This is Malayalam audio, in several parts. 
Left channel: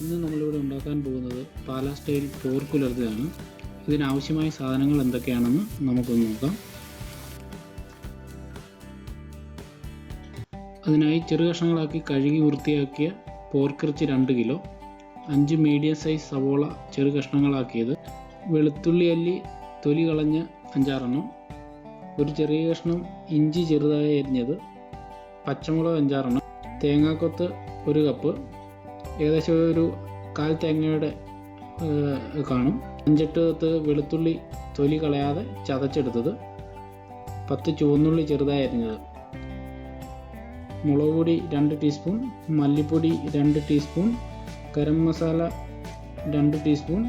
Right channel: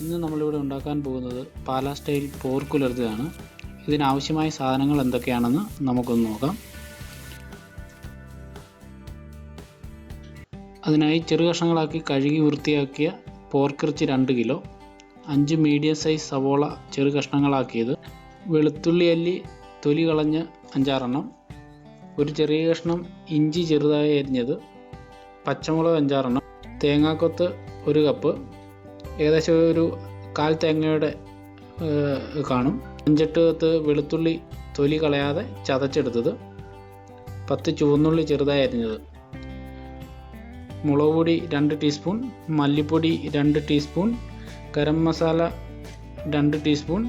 ഇന്ന് നമ്മളിവിടെ ഉണ്ടാക്കാൻ പോകുന്നത് പാലാ സ്റ്റൈൽ പോർക്കുലർത്തിയാണ് ഇതിനാവശ്യമായ സാധനങ്ങൾ എന്തൊക്കെയാണെന്ന് നമുക്കൊന്ന് നോക്കാം. അതിനായി ചെറു കഷ്ണങ്ങളാക്കി കഴുകി വൃത്തിയാക്കിയ പോർക്കിറച്ചി രണ്ട് കിലോ അഞ്ച് മീഡിയം സൈസ് സവോള ചെറു കഷ്ണങ്ങളാക്കിയത് വെളുത്തുള്ളി അല്ലി തൊലി കളഞ്ഞ് അഞ്ചാറെണ്ണം ഒരു ചെറിയ കഷ്ണം ഇഞ്ചി ചെറുതായി അരിഞ്ഞത് പച്ചമുളക് അഞ്ചാറെണ്ണം തേങ്ങാക്കൊത്ത് ഒരു കപ്പ് ഏകദേശം ഒരു കാൽ തേങ്ങയുടെ കാണും. അഞ്ചെട്ട് പത്ത് വെളുത്തുള്ളി തൊലി കളയാതെ ചതച്ചെടുത്തത്. പത്ത് ചുവന്നുള്ളി ചെറുതായി അരിഞ്ഞത് മുളക് പൊടി രണ്ട് ടീസ്പൂൺ മല്ലിപ്പൊടി രണ്ട് ടീസ്പൂൺ ഗരം മസാല രണ്ട് ടീസ്പൂൺ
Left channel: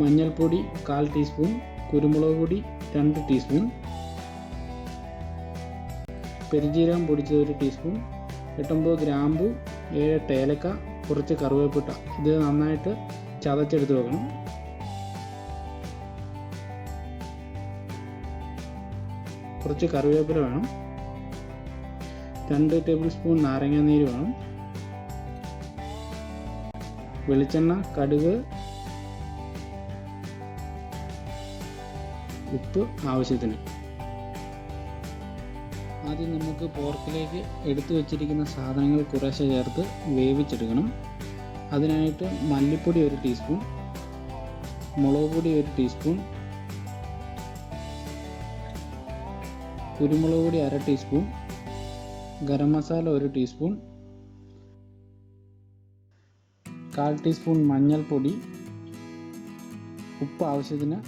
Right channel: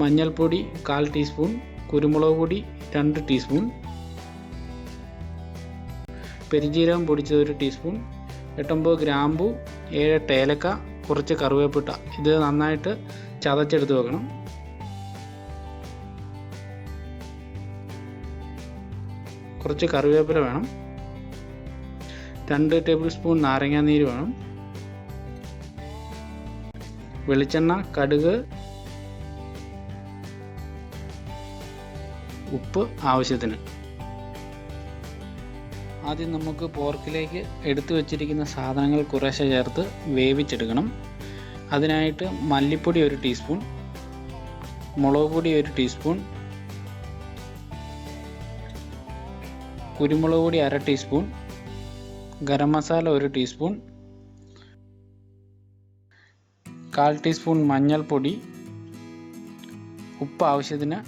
മഞ്ഞൾപ്പൊടി കാൽ ടീസ്പൂൺ കുരുമുളക് പൊടി രണ്ട് ടീസ്പൂൺ പെരിഞ്ജീരകം പൊടിച്ചത് ഒരു ടീസ്പൂൺ എട്ടൊമ്പത് ഗ്രാമ്പു ഏഴ് ഏലക്ക കുറച്ച് കറുവേപ്പിട്ട. ഇത് നന്നായിട്ട് ചതച്ചെടുത്ത് വെക്കണം. കുറച്ച് കറിവേപ്പില വേണം. രണ്ട് ടേബിൾ സ്പൂൺ നാരങ്ങാനീര് വേണം. വെളിച്ചെണ്ണ കടുക് ഉപ്പ് ആവശ്യത്തിന്. ആദ്യം നമുക്ക് പോർക്കിലേക്ക് എടുത്തു വച്ചിരിക്കുന്ന സാധനങ്ങൾ കുറേശ്ശെ ചേർത്ത് വേവിച്ചെടുക്കണം. അതിനായിട്ട് മല്ലിപ്പൊടി ഒരു ടീസ്പൂൺ മുളക് പൊടി ഒരു ടീസ്പൂൺ കുരുമുളക് പൊടി അര ടീസ്പൂൺ ഗരം മസാല ഒരു ടീസ്പൂൺ കാൽ ടീസ്പൂൺ മഞ്ഞൾപ്പൊടി ഉപ്പ് ആവശ്യത്തിന്.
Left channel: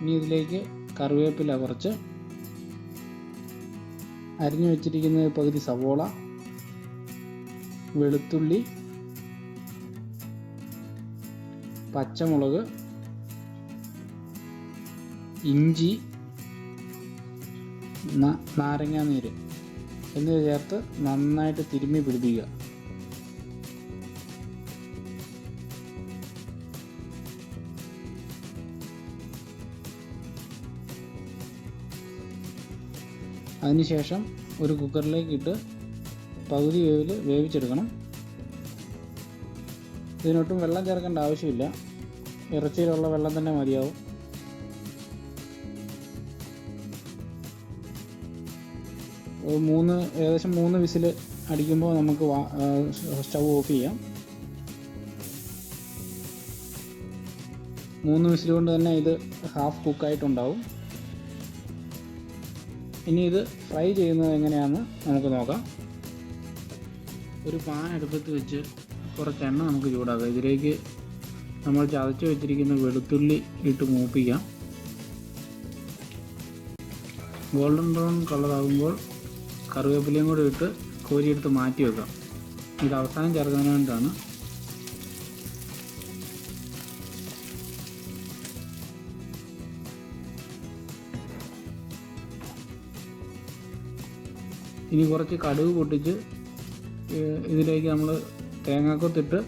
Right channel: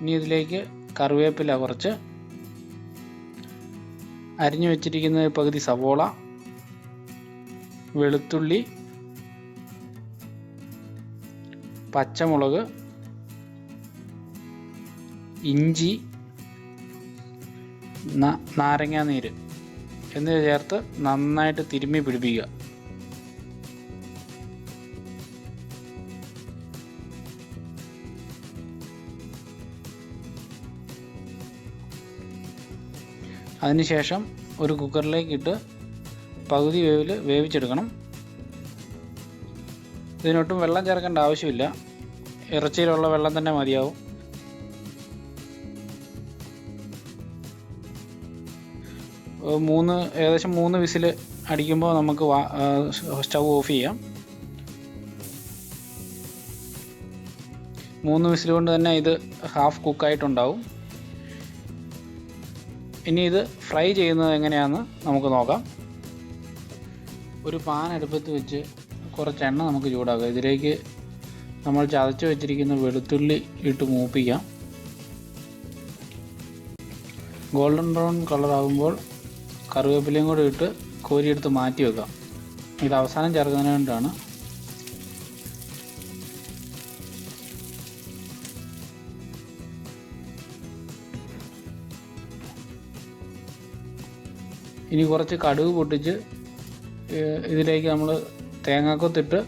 ഇനി ഇതിലേക്ക് കറിവേപ്പില കുറച്ച് അരിഞ്ഞു വെച്ചിരിക്കുന്ന പകുതി സവോള വെളുത്തുള്ളി പച്ചമുളക് ഇഞ്ചി നാരങ്ങാനീര് എന്നിവ ചേർത്ത് നന്നായിട്ട് തിരുമ്മി പിടിപ്പിക്കുക. അതിനുശേഷം ഒരു കുക്കറിലേക്ക് ഇട്ട് പകുതി വേവിൽ വേവിച്ചെടുക്കണം. ഇതിനൊട്ടും വെള്ളം ചേർക്കേണ്ട ആവശ്യമില്ല. ഇറച്ചിയിലുള്ള വെള്ളം തന്നെ മതിയാവും. മൂന്ന് ഏകദേശം മൂന്ന് വിസിൽ അടിക്കുമ്പോൾ നമുക്ക് സ്റ്റൗ ഓഫ് ചെയ്യാം. മൂന്ന് വിസിൽ കൊണ്ട് തന്നെ ഇത് ഹാഫ് കുക്കായിട്ടുണ്ടാവും. ഇനി ഇത് ഫ്രൈ ചെയ്യുന്നത് എങ്ങനെയാണെന്ന് നമുക്ക് നോക്കാം. ഒരു പാൻ അടുപ്പത്ത് വെച്ച് കുറച്ച് എണ്ണ നമുക്ക് ചൂടാക്കാം. ഇതിലേക്ക് നമ്മൾ ചതച്ച് വെച്ചിരിക്കുന്ന വെളുത്തുള്ളി ഇട്ട് മൂപ്പിക്കാം. ഗോൾഡൻ ബ്രൗൺ കളറാകുമ്പോൾ കറിവേപ്പിലയും കൂടി ഇട്ട് കോരിയെടുത്ത് മാറ്റി വെക്കാം. ഇത് അവസാനം ചേർക്കുന്നതിന് വേണ്ടിയാണ് ഇനി കുറച്ച് കടുക് പൊട്ടിച്ച് ഇതിലേക്ക് നമ്മൾ തേങ്ങാക്കൊത്തിട്ട്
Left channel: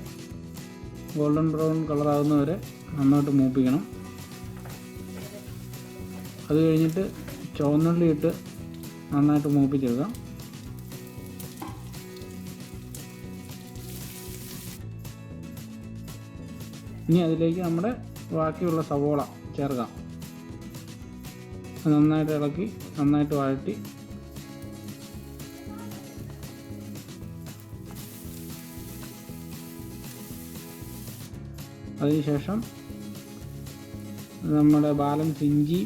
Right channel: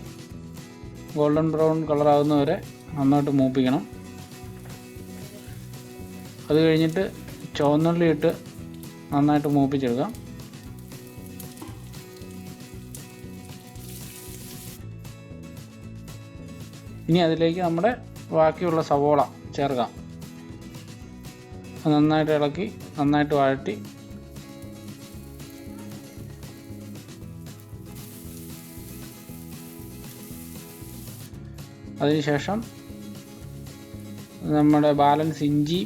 ഗോൾഡൻ ബ്രൗൺ കളറാകുന്ന വരെ നന്നായിട്ട് മൂപ്പിക്കണം. അത് കഴിഞ്ഞിട്ട് ചുവന്നുള്ളി ഇട്ട് നന്നായിട്ട് മൂപ്പിച്ചെടുക്കാം. ഇനി അതിലേക്ക് നമ്മുടെ ബാക്കിയുള്ള സവോള ചേർക്കാം. നന്നായിട്ട് ഇളക്കി നന്നായിട്ട് വഴറ്റി അതിനുശേഷം നമ്മുടെ ബാലൻസ് ഇഞ്ചി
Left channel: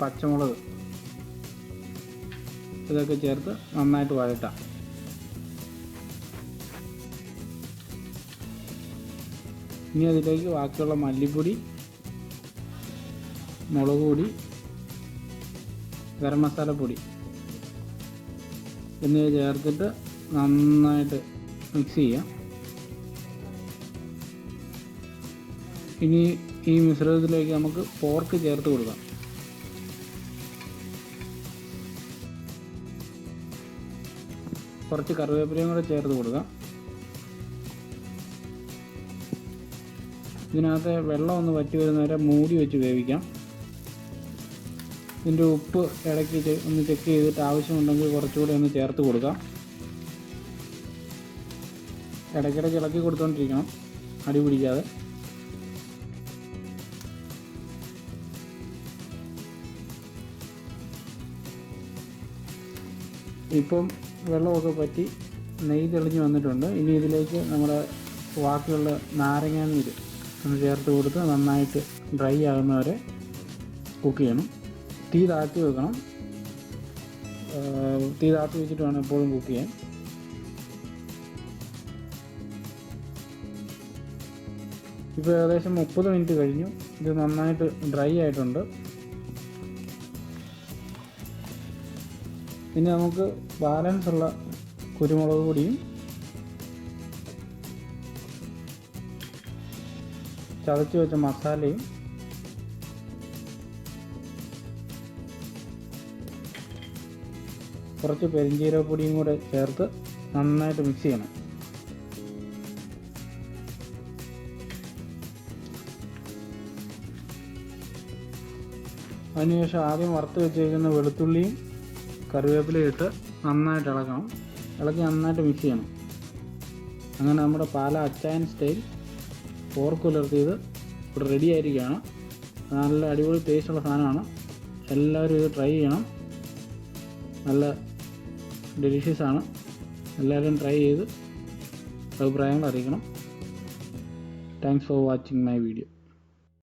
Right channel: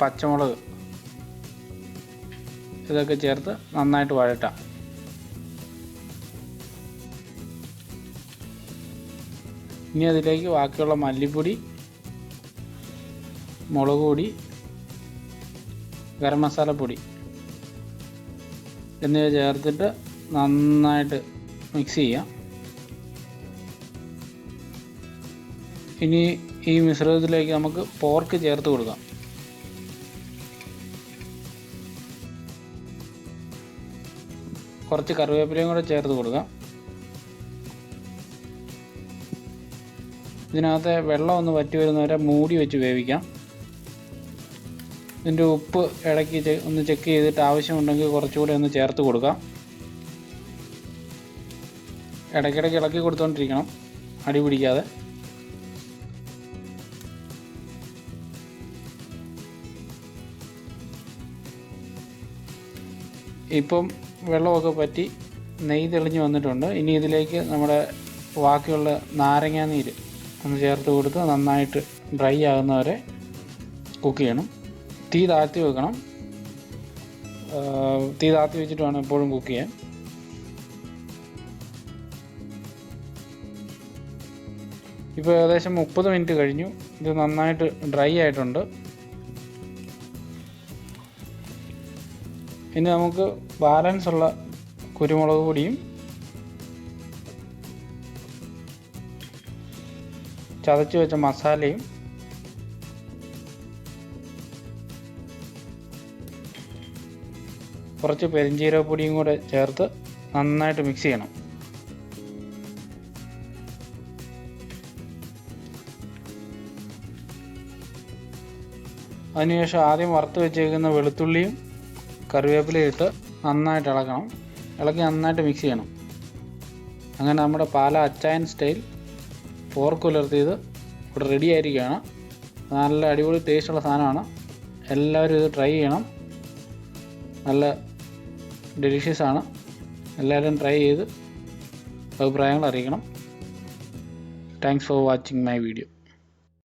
പച്ചമുളക് ഇതൊക്കെ ചേർത്ത് നന്നായിട്ട് വഴട്ടാം ഇനി അതിലേക്ക് ബാക്കിയുള്ള മല്ലിപ്പൊടി മുളക് പൊടി ഗരം മസാലപ്പൊടി എന്നിവ ചേർത്തിട്ട് നന്നായിട്ട് മിക്സ് ചെയ്യാം. ഇനി ഈ മിശ്രിതത്തിലേക്ക് നമുക്ക് പോർക്ക് ചേർത്ത് കൊടുക്കാം. കുറച്ച് കറിവേപ്പിലയും കൂടെ ചേർത്ത് കൊടുക്കാം. ഇതിനകത്ത് വെള്ളം ഒന്ന് വറ്റി വരുന്നവരെ മൂടി വെച്ച് വേവിക്കാം. ഇതിന്റെ ഉപ്പ് ഇടയ്ക്ക് ഒന്ന് ചെക്ക് ചെയ്തിട്ട് ആവശ്യമുണ്ടെങ്കിൽ കുറച്ചുകൂടെ ഒന്ന് ചേർത്ത് കൊടുക്കാം. ഇടയ്ക്കിടയ്ക്ക് ഇളക്കി കൊടുത്തുകൊണ്ടിരിക്കണം അടി പിടിക്കാതെ. ഇപ്പം വെള്ളമൊക്കെ പറ്റി നെയ്യ് തെളിഞ്ഞ് വന്നിട്ടുണ്ട്. ഇനി ഇതിലേക്ക് നമ്മുടെ ബാക്കിയുള്ള നാരങ്ങാ നീര് ഒന്ന് ചേർത്ത് കൊടുത്ത് നന്നായിട്ട് ഡ്രൈ ആകുന്നവരെ കുക്ക് ചെയ്യണം. തീ താഴ്ത്തി വെക്കണം. തീ താഴ്ത്തി വെച്ചിട്ട് വേണം എപ്പോഴും കുക്ക് ചെയ്യാൻ. ഇപ്പോൾ ഏകദേശം മുപ്പത് മിനിറ്റ് കഴിഞ്ഞു. ഇത് നന്നായിട്ട് ഡ്രൈ ആയിട്ടുണ്ട്. ഇനി നമുക്ക് ബാലൻസ് ഉള്ള കുരുമുളക് പൊടിയും ചതച്ച് വെച്ച മസാലയും കുറച്ച് പെരിഞ്ചീരകപ്പൊടിയും കൂടെ ചേർത്ത് നന്നായിട്ട് മിക്സ് ചെയ്യണം. അതിനുശേഷം ആദ്യം വറുത്ത് വെച്ചേക്കുന്ന വെളുത്തുള്ളിയും കറിവേപ്പിലയും ഇട്ട് നന്നായിട്ട് ഇളക്കണം. ഇളക്കി നന്നായിട്ട് മിക്സ് ചെയ്യണം. അങ്ങനെ നമ്മുടെ പാല അച്ചായൻ സ്റ്റൈൽ പോർക്ക് പുലർത്തിയത് ഇവിടെ റെഡി ആയിരിക്കുകയാണ്. നല്ല അടിപൊളി ടേസ്റ്റുള്ള സാധനമാണ്. എല്ലാവരും ഇത് ട്രൈ ചെയ്യണം. നല്ല ഡെലിഷ്യസ് ആണ്. എല്ലാവരും ട്രൈ ചെയ്ത് അഭിപ്രായങ്ങൾ അറിയിക്കണം. Thanks for watching my video